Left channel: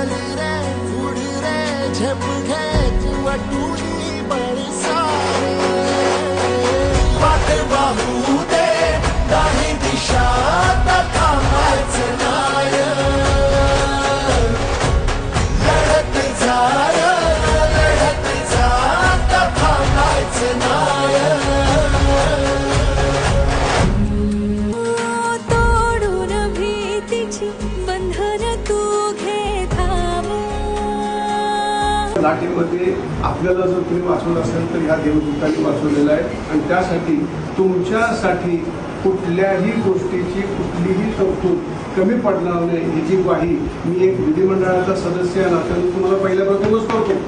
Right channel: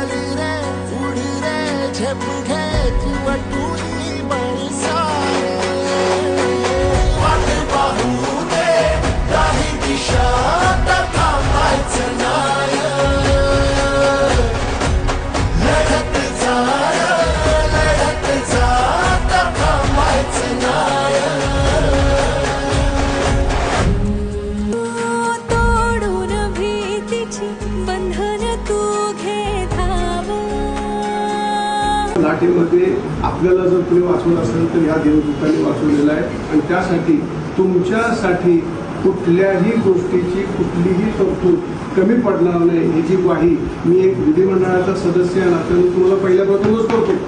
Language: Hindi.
चाली रे, उडी रे, झेप घ्यायची वाटुली बळी सारे। वाट पाहू दे काही दिशा थांबायचं नाय लढत झालं लढत जात थांबायचं नाय तोडून भीतीची बंधन तू लाटेमध्ये आपल्याला जर तुम्ही वाचवलं असेल तर ह्या देवदूतांनी वाचवलेला आहे. आणि त्यासाठी तुमच्यासाठी कुठल्याही गोष्टीची कुठलीही तरतूद कमी पडणार नाही ह्याची ग्वाही मी एक विधिमंडळाचा सदस्य या नात्याने तुम्हाला पहिल्या प्रथमच करतो.